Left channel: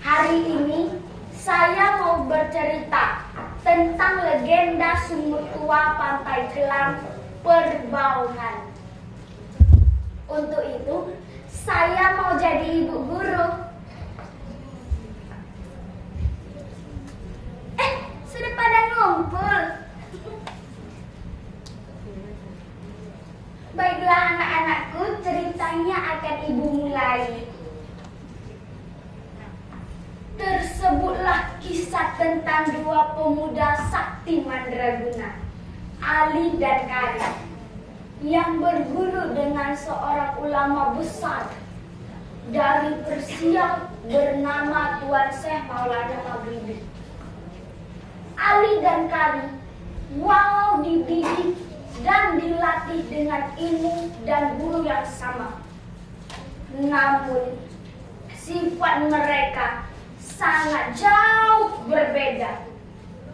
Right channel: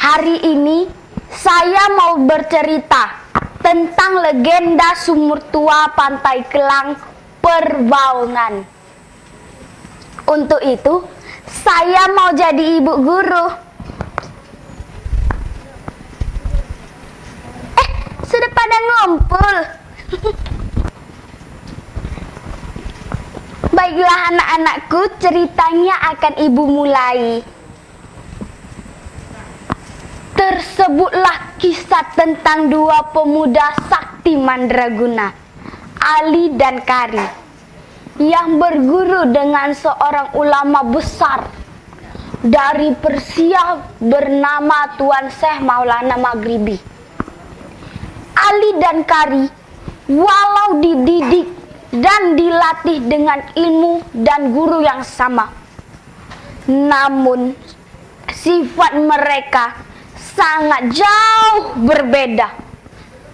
Hari ini saya mau bercerita tentang legenda sumur tua Pantai Kelang Perbaungan. Untuk itu, saya mau jadi ibu guru. Sudah pada ngumpul. Baiklah anak-anakku, ceritanya akan ibu mulai. Tersebutlah kisah tentang dua pemuda sakti mandraguna, Ali dan Kari, yang berguru dengan seorang ulama besar dari Persia bernama Tuan Syekh Maulana Maghribi. Ali dan Kari walau dididik dan dilatih dengan ilmu dan guru yang sama, namun sifat mereka sangat jauh berbeda,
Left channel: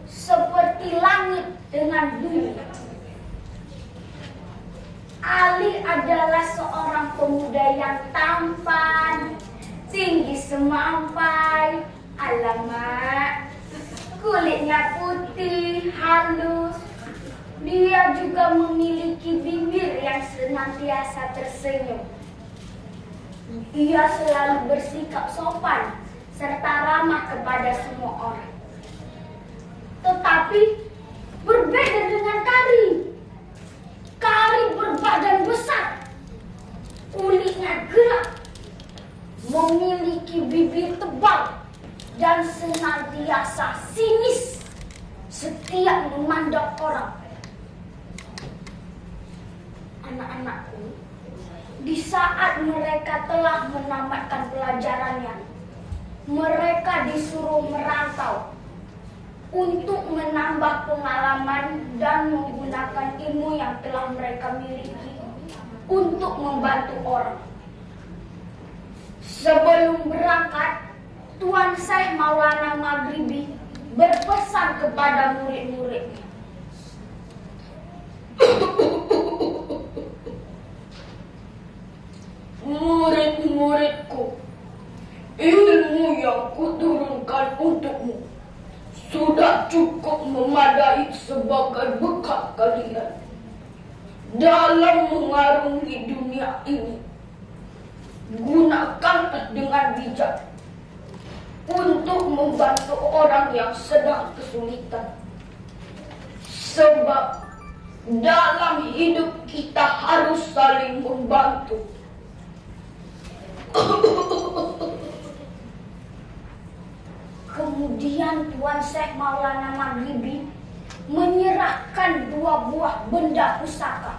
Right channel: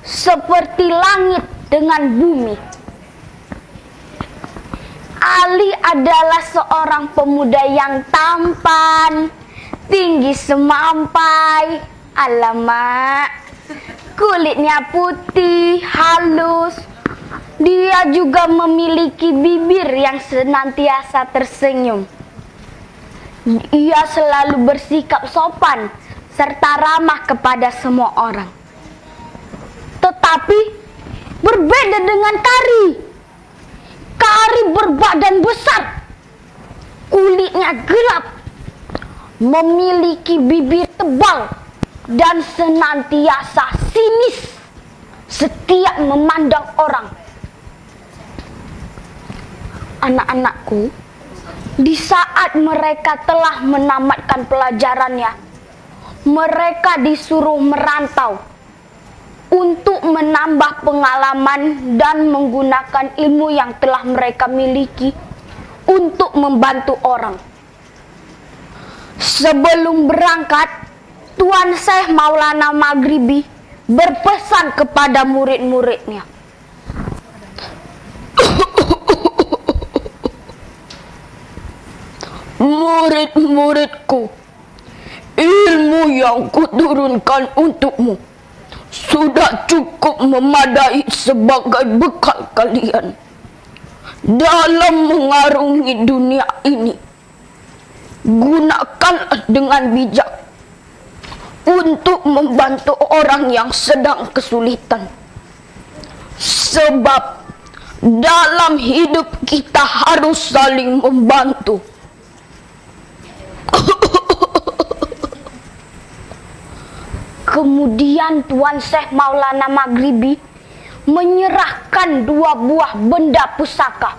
seperti langit dengan bumi. Ali adalah seorang pemuda yang tampan, tinggi semampai, alamak, kulitnya putih, halus. Dia juga memiliki bibir yang senantiasa tersenyum. Ia selalu bersikap sopan serta ramah kepada semua orang. Tetapi berbeda dengan Kari. Kari berbadan besar, kulitnya gelap, memiliki bibir tebal, dan senantiasa sinis setiap memandang orang. Anak-anakku, di saat mereka telah menamatkan pelajarannya, mereka disuruh merantau untuk menambah pengalaman dan menggunakan ilmu yang telah mereka miliki untuk membantu orang. Sebelum berangkat, Tuan Syekh Maulana Maghribi berpesan kepada murid-muridnya. Murid-muridku, ilmu yang kuturunkan untukmu sudah cukup memadai sebagai bekal kalian dalam mengarungi dunia ini. Gunakanlah dengan bijak untuk membantu orang yang sedang kesulitan. Sebab dalam hidup kita harus saling membantu. Kemudian Tuan Syekh Maulana Maghribi menyerahkan dua buah benda pusaka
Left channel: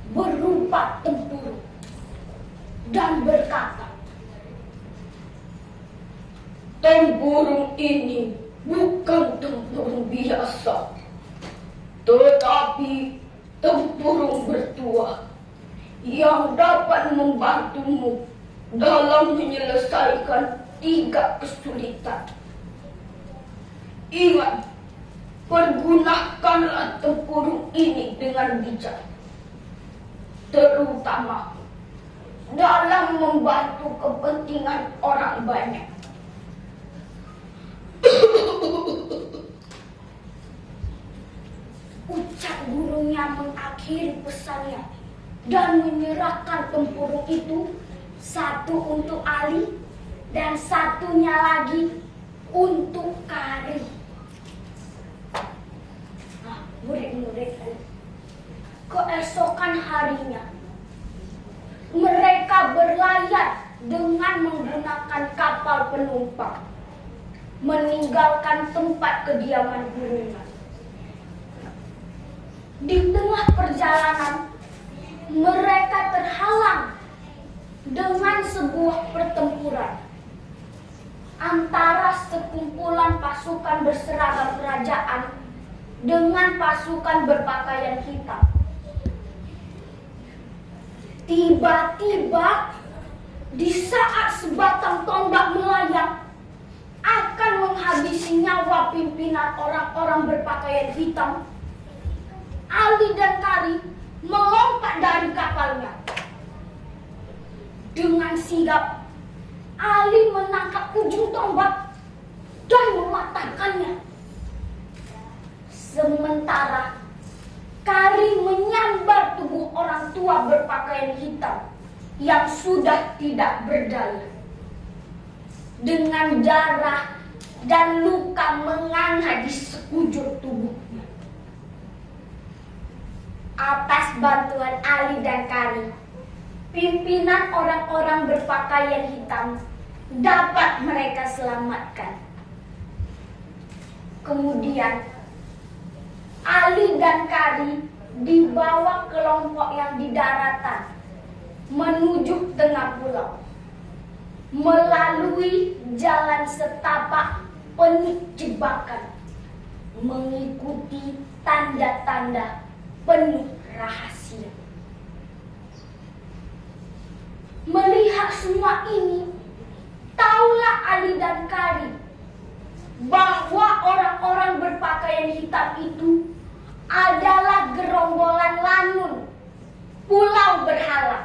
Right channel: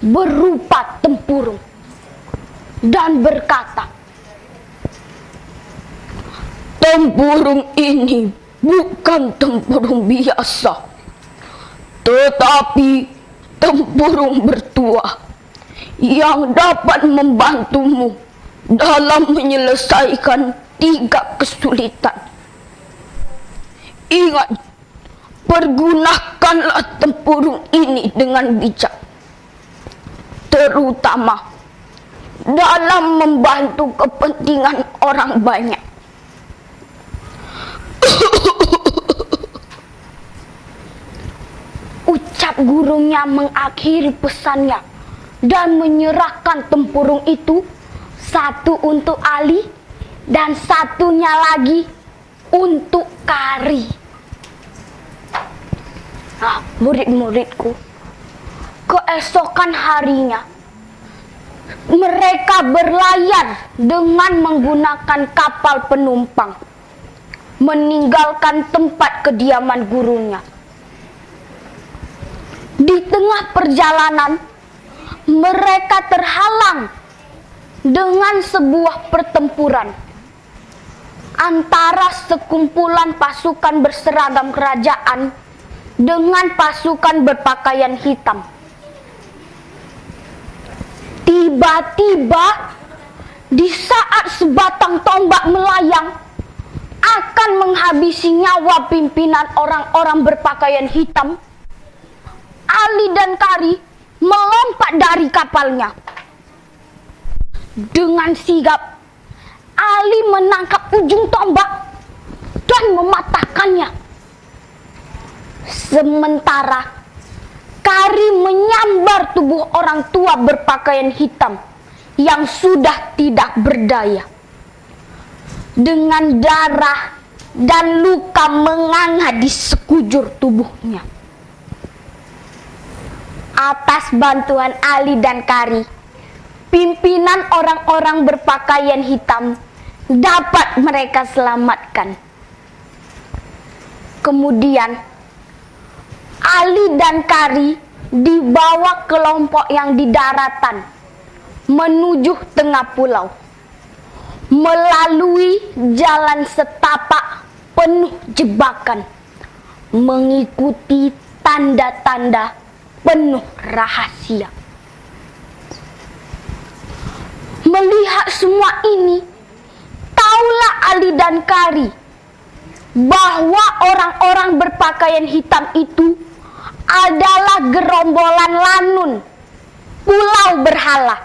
berupa tempurung dan berkata, tempurung ini bukan tempurung biasa, tetapi tempurung bertuah yang dapat membantumu dalam menyelesaikan 3 kesulitan. Ingat, pergunakanlah tempurung ini dengan bijak, terutama dalam membantu kepentingan orang banyak. Ucap gurunya mengakhiri pesannya dan menyerahkan tempurung itu, satu untuk Ali dan satunya lagi untuk Kari. Nah, murid-muridku, keesokan harinya mereka berlayar dengan menggunakan kapal penumpang, meninggalkan tempat kediaman gurunya. Di tengah perjalanan, mereka terhalang dengan sebuah pertempuran antara sekumpulan pasukan berseragam kerajaan dengan pasukan berpakaian hitam. Tiba-tiba, di saat sebatang tombak melayang akan menghabisi nyawa pimpinan orang-orang berpakaian hitam, Ali dan Kari melompat dari kapalnya. Dengan sigap, Ali menangkap ujung tombak dan mematahkannya. Sementara Kari menyambar tubuh orang tua berpakaian hitam yang sudah tidak berdaya. Dengan darah dan luka menganga di sekujur tubuhnya. Atas bantuan Ali dan Kari, pimpinan orang-orang berpakaian hitam dapat mereka selamatkan. Kemudian Ali dan Kari dibawa kelompok yang di daratan menuju tengah pulau, melalui jalan setapak penuh jebakan, mengikuti tanda-tanda penuh rahasia. Melihat semua ini, taulah Ali dan Kari bahwa orang-orang berpakaian hitam itu adalah gerombolan Lanun, Pulau Berhala,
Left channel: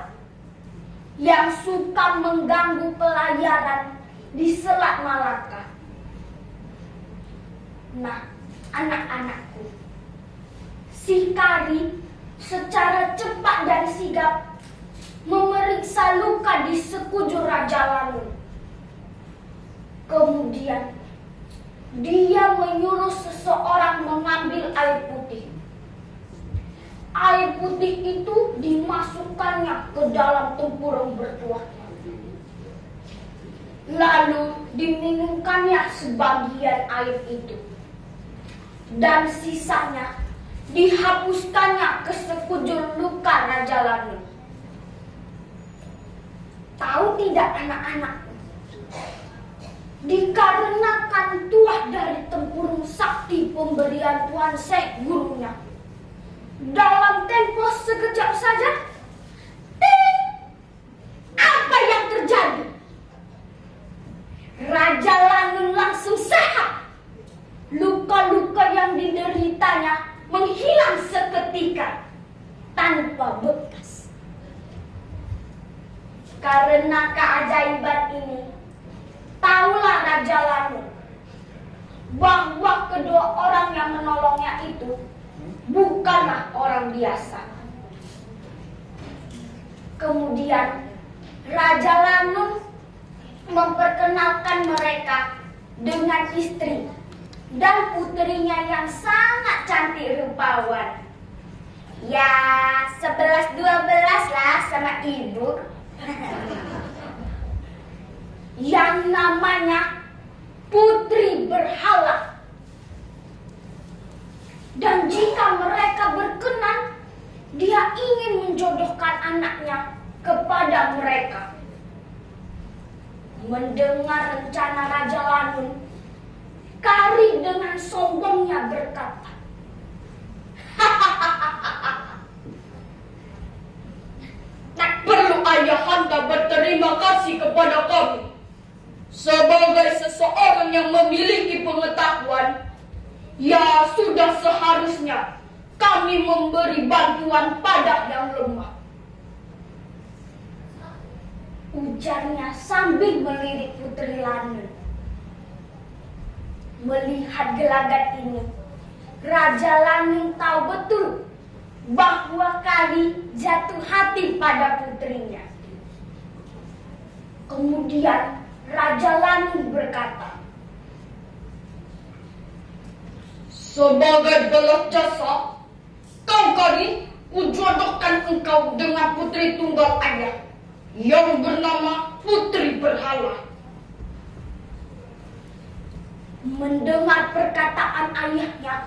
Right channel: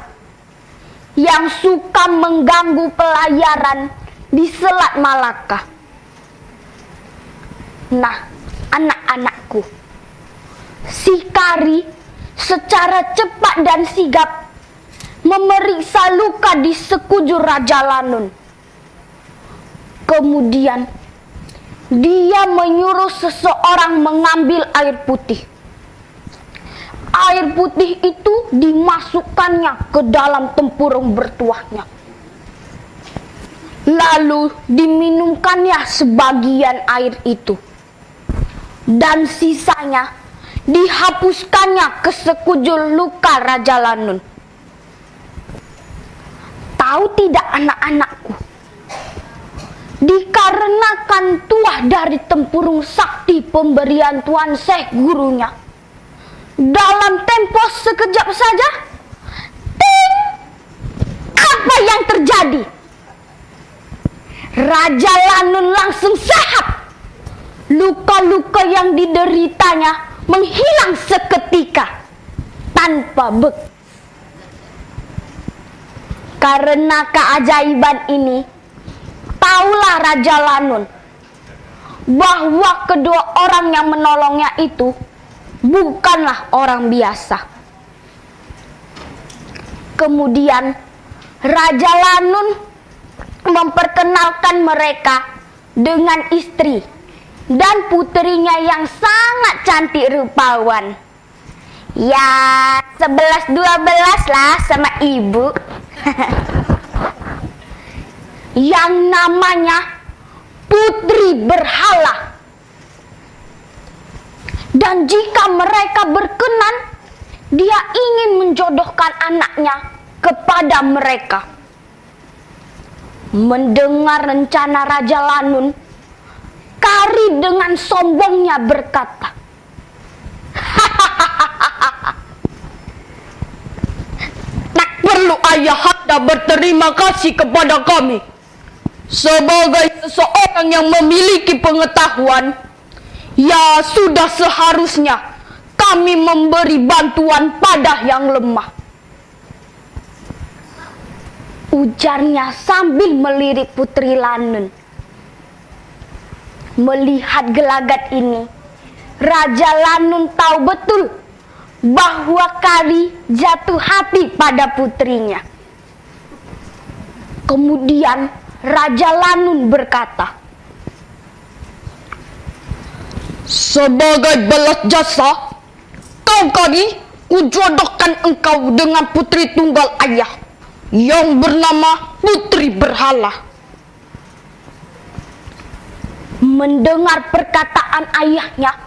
yang suka mengganggu pelayaran di Selat Malaka. Nah, anak-anakku, si Kari secara cepat dan sigap memeriksa luka di sekujur Raja Lanun. Kemudian dia menyuruh seseorang mengambil air putih. Air putih itu dimasukkannya ke dalam tempurung bertuahnya. Lalu diminumkannya sebagian air itu. Dan sisanya dihapuskannya ke sekujur luka Raja Lanun. Tahu tidak anak-anakku? Dikarenakan tuah dari tempurung sakti pemberian Tuan Syekh gurunya, dalam tempo sekejap saja, ting! Apa yang terjadi? Raja Lanun langsung sehat. Luka-luka yang dideritanya menghilang seketika tanpa bekas. Karena keajaiban ini, taulah Raja Lanun bahwa kedua orang yang menolongnya itu bukanlah orang biasa. Kemudian Raja Lanun memperkenalkan mereka dengan istri dan putrinya yang sangat cantik rupawan. Ya, 11-12 lah sama ibu. Yang namanya Putri Berhala. Dan jika mereka berkenan, dia ingin menjodohkan anaknya kepada mereka. Mendengar rencana Raja Lanun, Kari dengan sombongnya berkata, "Tak perlu ayahanda berterima kasih kepada kami. Sebagai seseorang yang memiliki pengetahuan, ya sudah seharusnya kami memberi bantuan pada yang lemah," ujarnya sambil melirik Putri Lanun. Melihat gelagat ini, Raja Lanun tahu betul bahwa Kari jatuh hati pada putrinya. Kemudian Raja Lanun berkata, "Sebagai balas jasa, kau Kari, kujodohkan engkau dengan putri tunggal ayah yang bernama Putri Berhala." Mendengar perkataan ayahnya,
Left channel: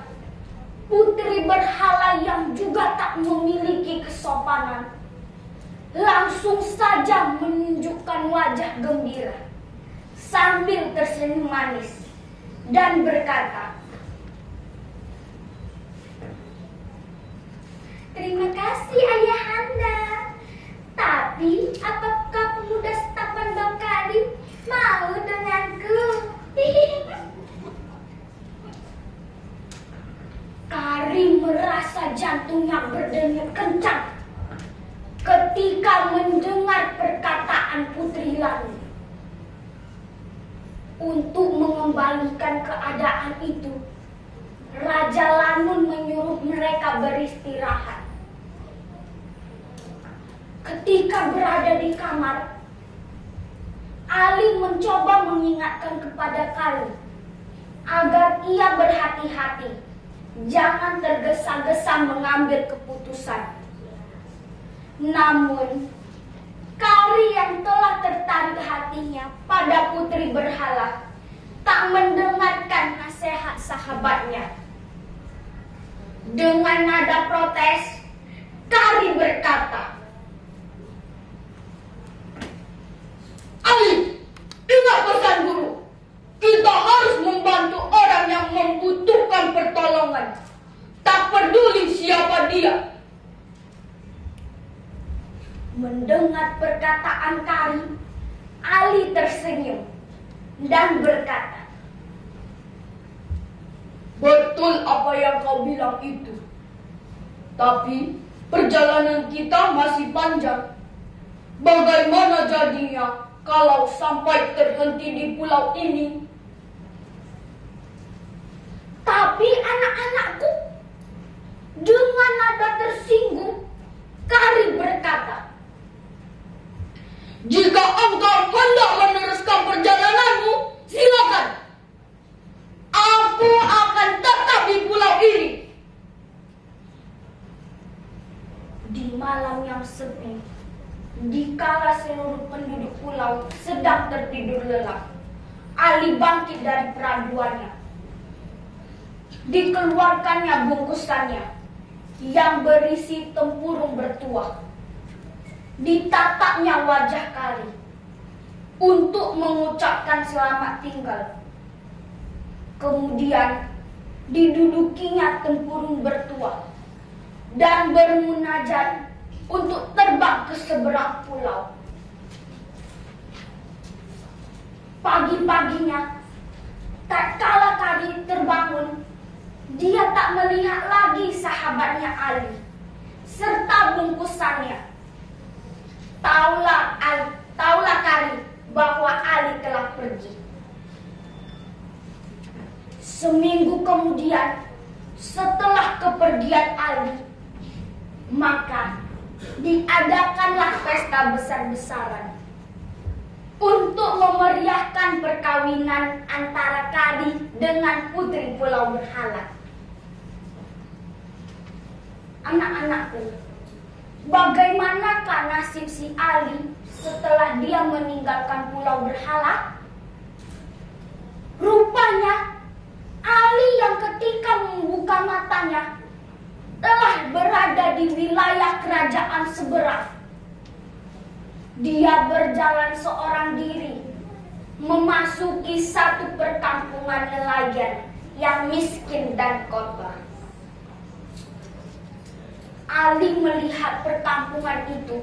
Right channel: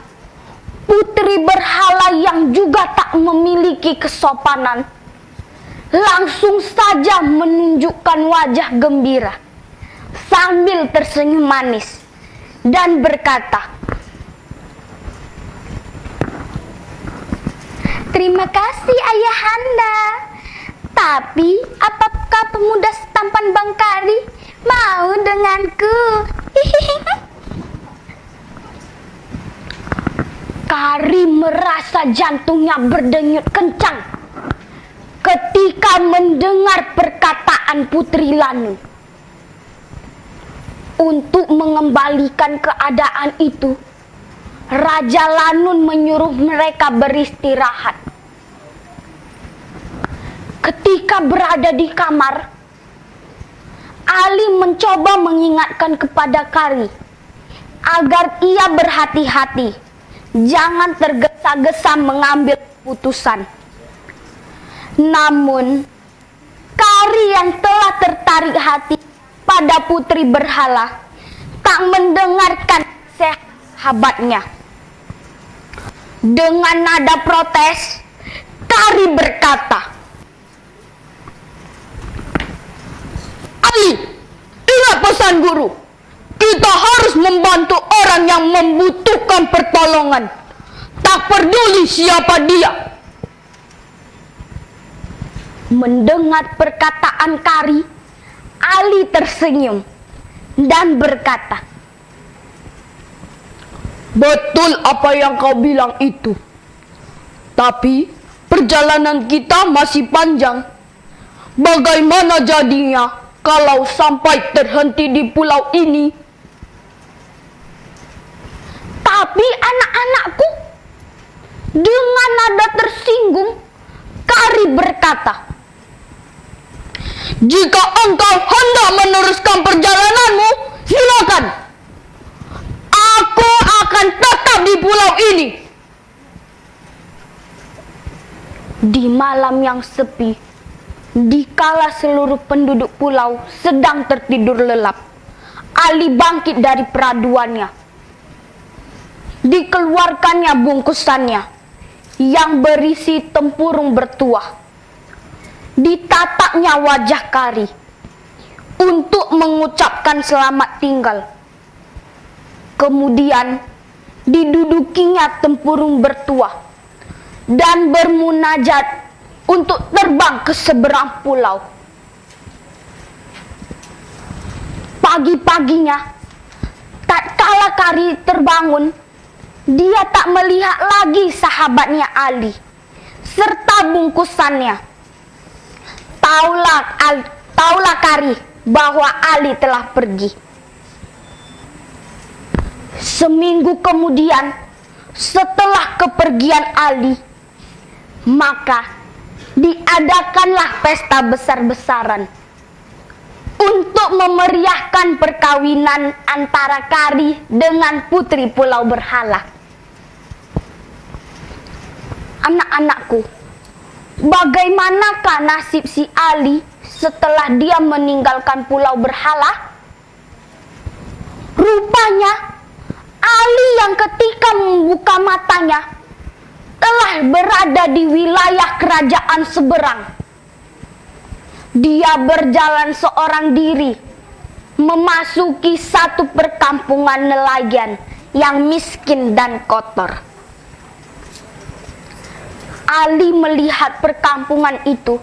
Putri Berhala yang juga tak memiliki kesopanan langsung saja menunjukkan wajah gembira sambil tersenyum manis dan berkata, "Terima kasih ayahanda. Tapi apakah pemuda setampan Bang Kari mau denganku?" Kari merasa jantungnya berdenyut kencang ketika mendengar perkataan Putri Lanun. Untuk mengembalikan keadaan itu, Raja Lanun menyuruh mereka beristirahat. Ketika berada di kamar, Ali mencoba mengingatkan kepada Kari agar ia berhati-hati, jangan tergesa-gesa mengambil keputusan. Namun, Kari yang telah tertarik hatinya pada putri berhala tak mendengarkan nasihat sahabatnya. Dengan nada protes, Kari berkata, "Ali, ingat pesan guru. Kita harus membantu orang yang membutuhkan pertolongan, tak peduli siapa dia." Mendengar perkataan Kari, Ali tersenyum dan berkata, "Betul apa yang kau bilang itu. Tapi perjalanan kita masih panjang. Bagaimana jadinya kalau sampai terhenti di pulau ini?" "Tapi anak-anakku," dengan nada tersinggung, Kari berkata, "Jika engkau hendak meneruskan perjalananmu, silakan. Aku akan tetap di pulau ini." Di malam yang sepi, dikala seluruh penduduk pulau sedang tertidur lelap, Ali bangkit dari peraduannya. Dikeluarkannya bungkusannya yang berisi tempurung bertuah. Ditatapnya wajah Kari untuk mengucapkan selamat tinggal. Kemudian didudukinya tempurung bertuah dan bermunajat untuk terbang ke seberang pulau. Pagi-paginya, tatkala Kari terbangun, dia tak melihat lagi sahabatnya Ali serta bungkusannya. Taulah Kari bahwa Ali telah pergi. Seminggu kemudian, setelah kepergian Ali, maka diadakanlah pesta besar-besaran untuk memeriahkan perkawinan antara Kari dengan putri Pulau Berhala. Anak-anakku, bagaimanakah nasib si Ali setelah dia meninggalkan Pulau Berhala? Rupanya Ali yang ketika membuka matanya telah berada di wilayah kerajaan seberang. Dia berjalan seorang diri memasuki satu perkampungan nelayan yang miskin dan kotor. Ali melihat perkampungan itu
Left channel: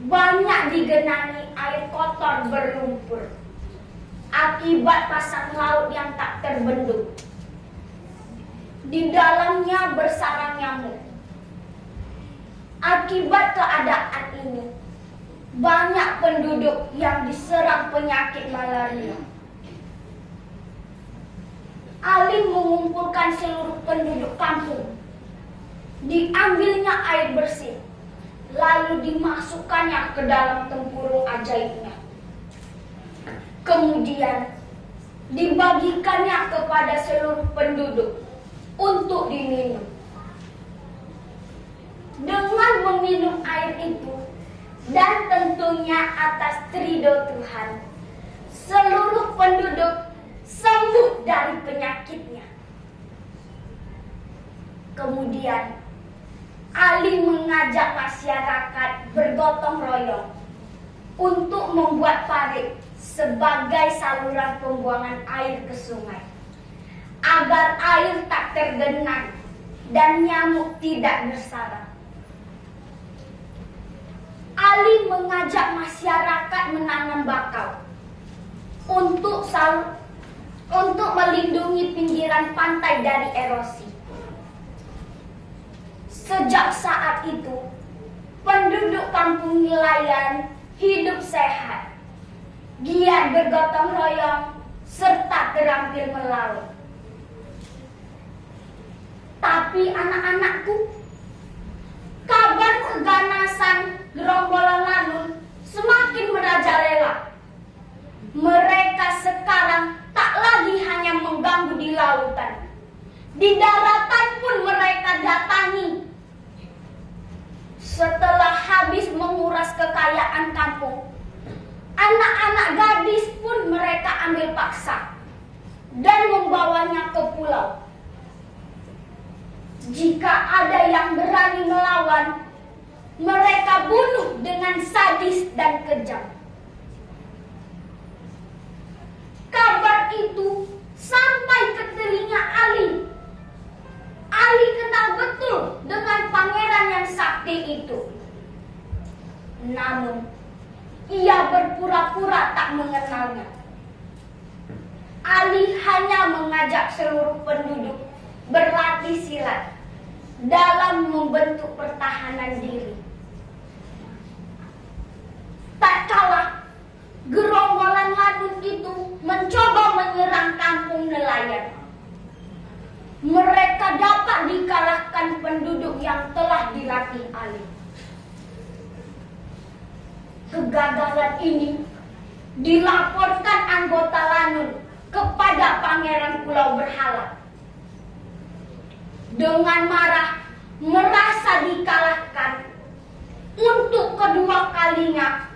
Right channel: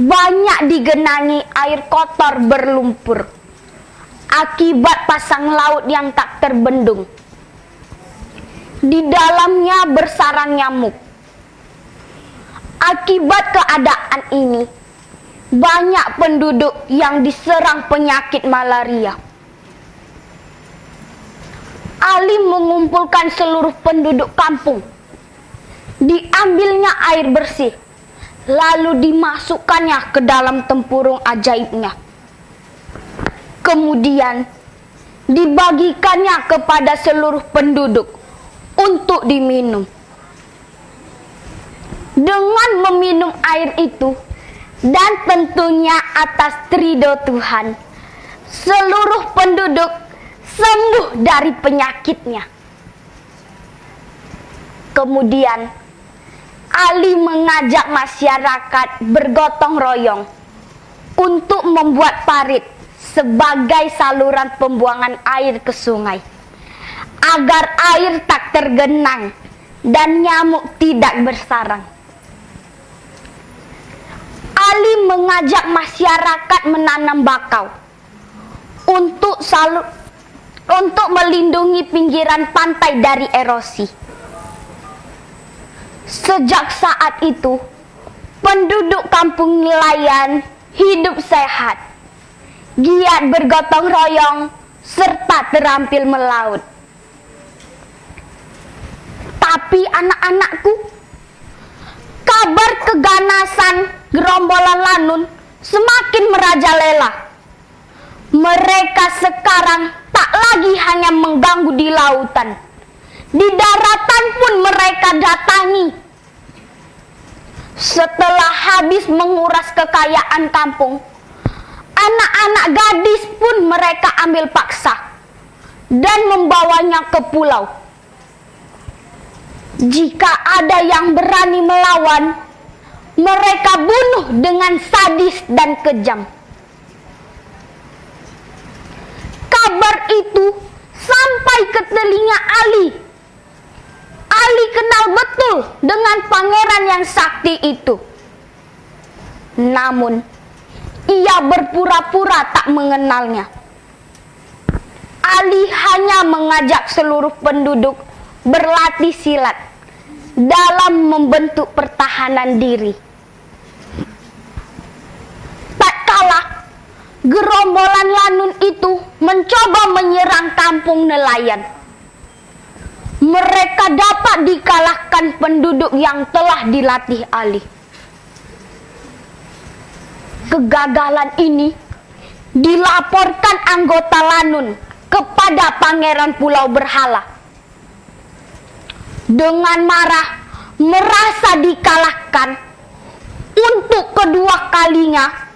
banyak digenangi air kotor berlumpur akibat pasang laut yang tak terbendung. Di dalamnya bersarang nyamuk. Akibat keadaan ini, banyak penduduk yang diserang penyakit malaria. Ali mengumpulkan seluruh penduduk kampung. Diambilnya air bersih, lalu dimasukkannya ke dalam tempurung ajaibnya. Kemudian dibagikannya kepada seluruh penduduk untuk diminum. Dengan meminum air itu, dan tentunya atas ridho Tuhan, seluruh penduduk sembuh dari penyakitnya. Kemudian Ali mengajak masyarakat bergotong royong untuk membuat parit sebagai saluran pembuangan air ke sungai, agar air tak tergenang dan nyamuk tidak bersarang. Ali mengajak masyarakat menanam bakau untuk melindungi pinggiran pantai dari erosi. Sejak saat itu, penduduk kampung nelayan hidup sehat, giat bergotong royong, serta terampil melaut. Tapi anak-anakku, kabar keganasan gerombolan Lanun semakin merajalela. Mereka sekarang tak lagi hanya mengganggu di lautan, di daratan pun mereka datangi. Setelah habis menguras kekayaan kampung, anak-anak gadis pun mereka ambil paksa dan membawanya ke pulau. Jika ada yang berani melawan, mereka bunuh dengan sadis dan kejam. Kabar itu sampai ke telinga Ali. Ali kenal betul dengan pangeran yang sakti itu. Namun, ia berpura-pura tak mengenalnya. Ali hanya mengajak seluruh penduduk berlatih silat dalam membentuk pertahanan diri. Tak kalah, gerombolan Lanun itu mencoba menyerang kampung nelayan. Mereka dapat dikalahkan penduduk yang telah dilatih Ali. Kegagalan ini dilaporkan anggota Lanun kepada Pangeran Pulau Berhala. Dengan marah, merasa dikalahkan, untuk kedua kalinya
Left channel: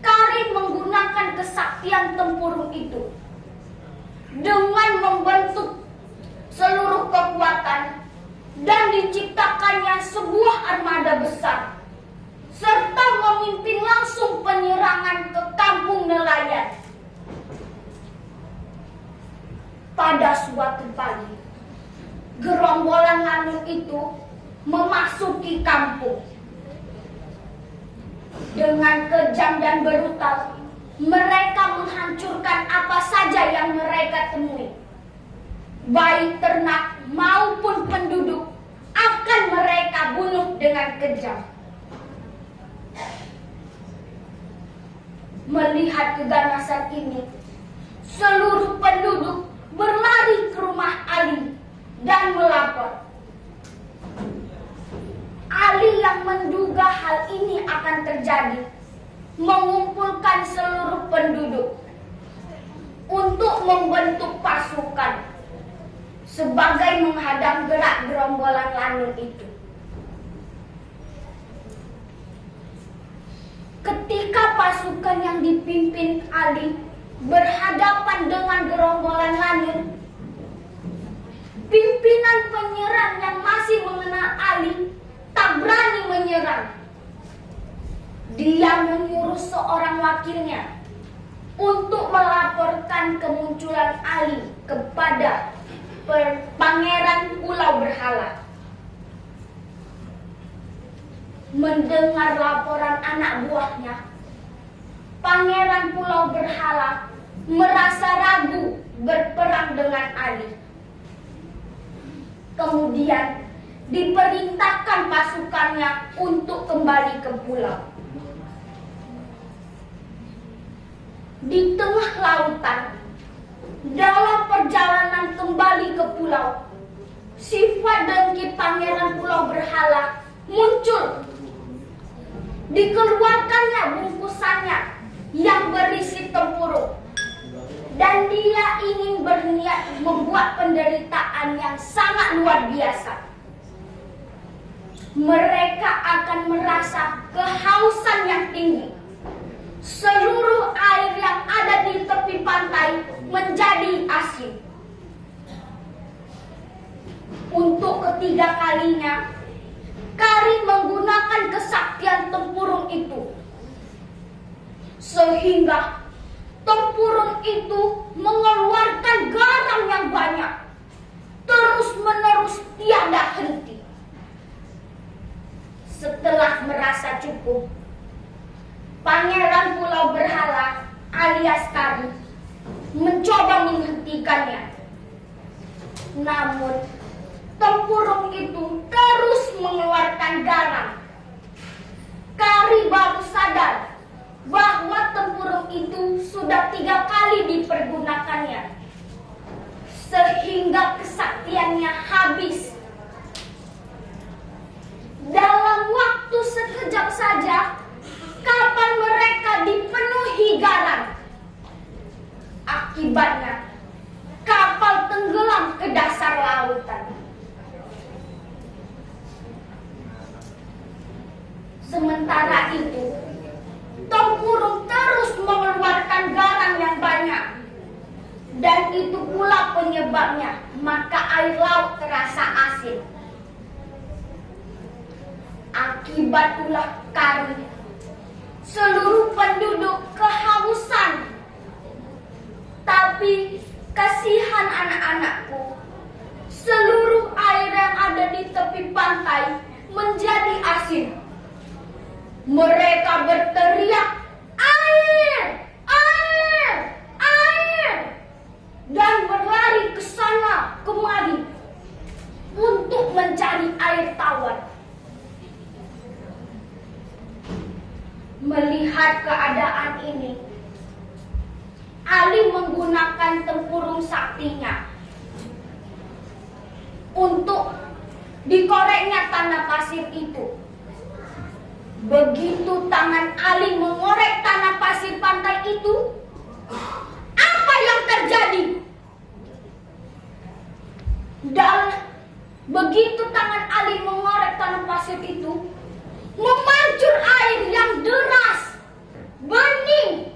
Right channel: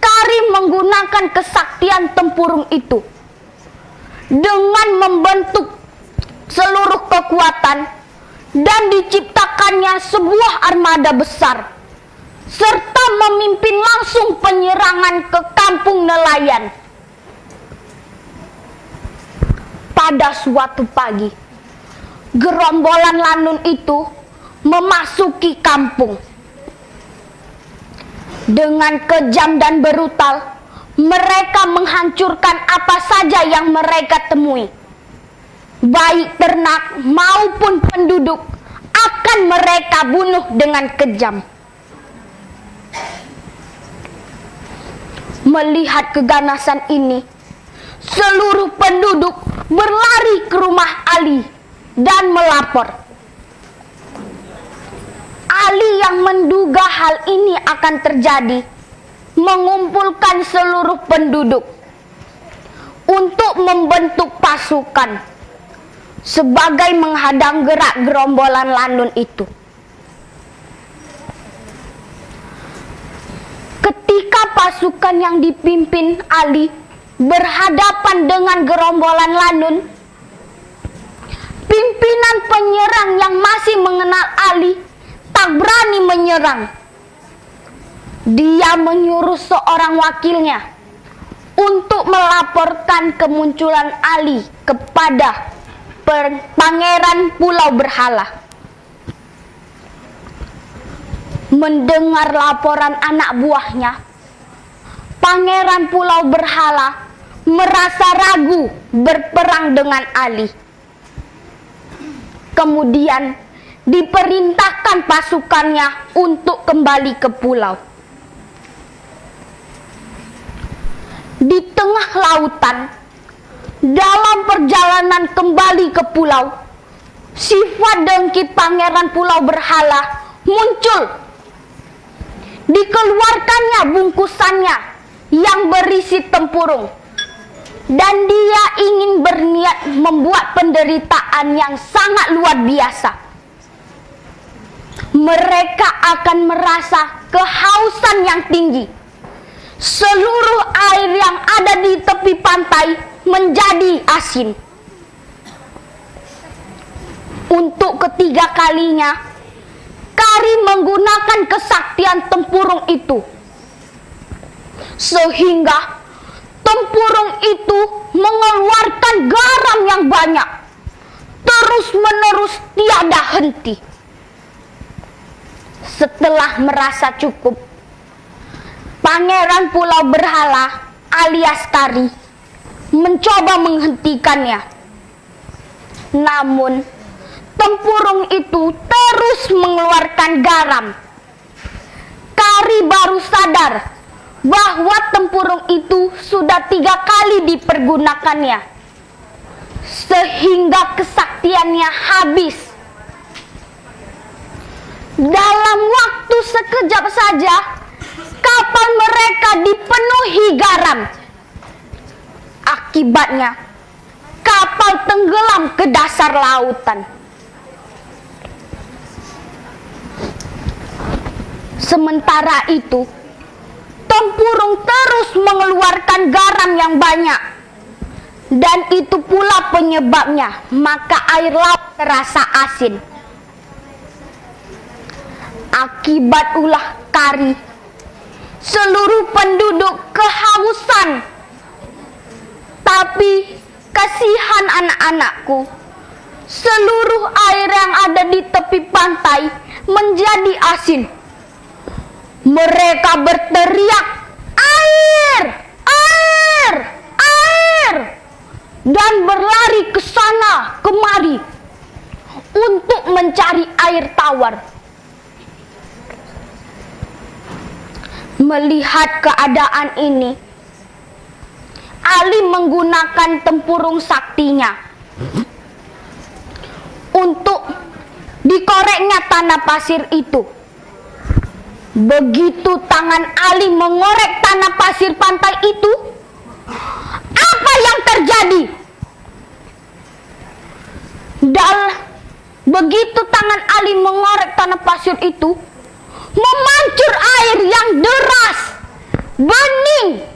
Karim menggunakan kesaktian tempurung itu dengan membentuk seluruh kekuatan dan diciptakannya sebuah armada besar serta memimpin langsung penyerangan ke kampung nelayan. Pada suatu pagi, gerombolan Lanun itu memasuki kampung. Dengan kejam dan brutal, mereka menghancurkan apa saja yang mereka temui. Baik ternak maupun penduduk akan mereka bunuh dengan kejam. Melihat keganasan ini, seluruh penduduk berlari ke rumah Ali dan melapor. Ali yang menduga hal ini akan terjadi, mengumpulkan seluruh penduduk untuk membentuk pasukan sebagai menghadang gerak gerombolan Lanun itu. Ketika pasukan yang dipimpin Ali berhadapan dengan gerombolan Lanun, pimpinan penyerang yang masih mengenal Ali tak berani menyerang. Dia menyuruh seorang wakilnya untuk melaporkan kemunculan Ali kepada Pangeran Pulau Berhala. Mendengar laporan anak buahnya, Pangeran Pulau Berhala merasa ragu berperang dengan Ali. Kemudian diperintahkan pasukannya untuk kembali ke pulau. Di tengah lautan, dalam perjalanan kembali ke pulau, sifat dengki Pangeran Pulau Berhala muncul. Dikeluarkannya bungkusannya yang berisi tempurung, dan dia ingin berniat membuat penderitaan yang sangat luar biasa. Mereka akan merasa kehausan yang tinggi. Seluruh air yang ada di tepi pantai menjadi asin. Untuk ketiga kalinya, Karim menggunakan kesaktian tempurung itu, sehingga tempurung itu mengeluarkan garam yang banyak, terus-menerus tiada henti. Setelah merasa cukup, Pangeran Pulau Berhala alias Kari mencoba menghentikannya. Namun, tempurung itu terus mengeluarkan garam. Kari baru sadar bahwa tempurung itu sudah 3 kali dipergunakannya, sehingga kesaktiannya habis. Dalam waktu sekejap saja, kapal mereka dipenuhi garam. Akibatnya, kapal tenggelam ke dasar lautan. Sementara itu, tempurung terus mengeluarkan garam yang banyak. Dan itu pula penyebabnya, maka air laut terasa asin. Akibat ulah kari, seluruh penduduk kehausan. Tapi kasihan anak-anakku, seluruh air yang ada di tepi pantai menjadi asin. Mereka berteriak, "Air! Air! Air!" dan berlari ke sana kemari untuk mencari air tawar. Melihat keadaan ini, Ali menggunakan tempurung saktinya untuk dikoreknya tanah pasir itu. Begitu tangan Ali mengorek tanah pasir pantai itu, apa yang terjadi? Dan begitu tangan Ali mengorek tanah pasir itu, memancur air yang deras, bening,